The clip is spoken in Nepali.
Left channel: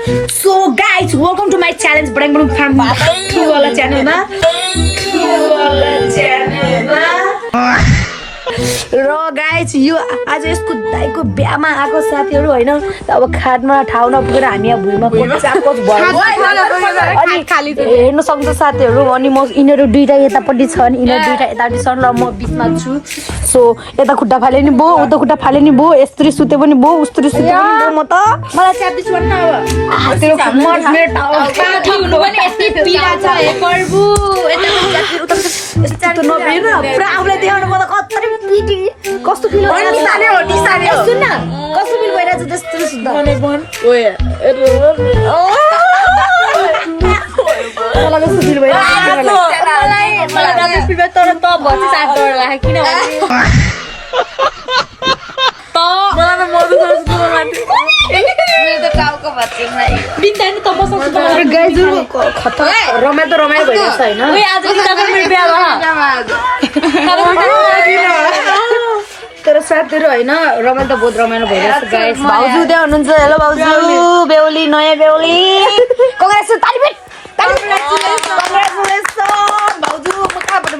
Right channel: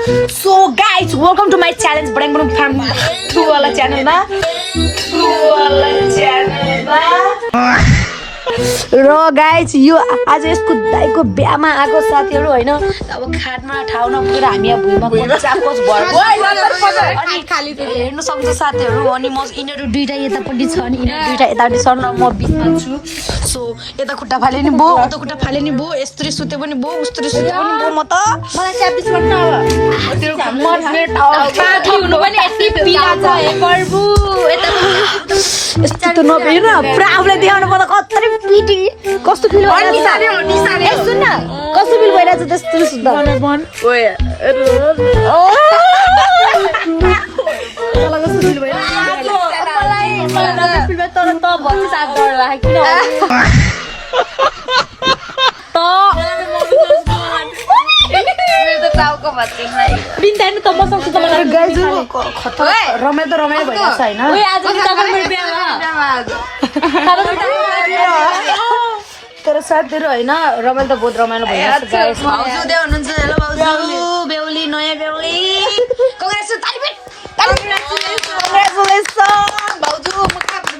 So guys, welcome to my challenge Badang Badang Farm True वाला channel मा र गाइज यो आज यसको दाइको बिहामा आएको साथीहरु हैन अब खाटमा ठाउँ नपुगेर हामी यहाँ भुइँमा कोचाकोच भयो अनि हेर्न सक्छ साथीहरु अनि म इनहरु दुईटा यतापट्टि छन् इनहरु दुईटा यतापट्टि छन् र म बीचमा छु सो यता खुट्टा फाले नि भो उता खुट्टा फाले नि भो यस्तरी सुते पनि भो उस्तरी सुते पनि भो म त मलाई 26 भन्नु हो तेरो मट मेट हो ठक्नु पनि यस्तै पिला छ हे प्रभु यस्तो त नभएर पुरा आफुले देखाउनु पर्दा कतरी पिटी कस्तो फिल हो निसाने सुन न कस्तो फिल भइरहेछ त्यस्तो सुन्दा ओए मलाई कस्तो फिल भइरहेछ मलाई राम्रो फिल भयो तर त भति साथ गरेर राख किन त मलाई मर्नु सक्छ मेरो त टाउको भत्तिमा बिन्दान त मसँग गाइजु खतरा रमाइलो भइरहेछ हैन ओए आज नि तपाईँ मेरो बिहा तर साथीहरु हैन रमाइलो त बहुत रमाइलो भइरहेछ गाइस भाउजू त्यहाँ हुनुहुन्छ हेलो भाउजू बेहुली नयाँ बेहुली कङ्ग्रेचुलेसन भाउजू म कहाँबाट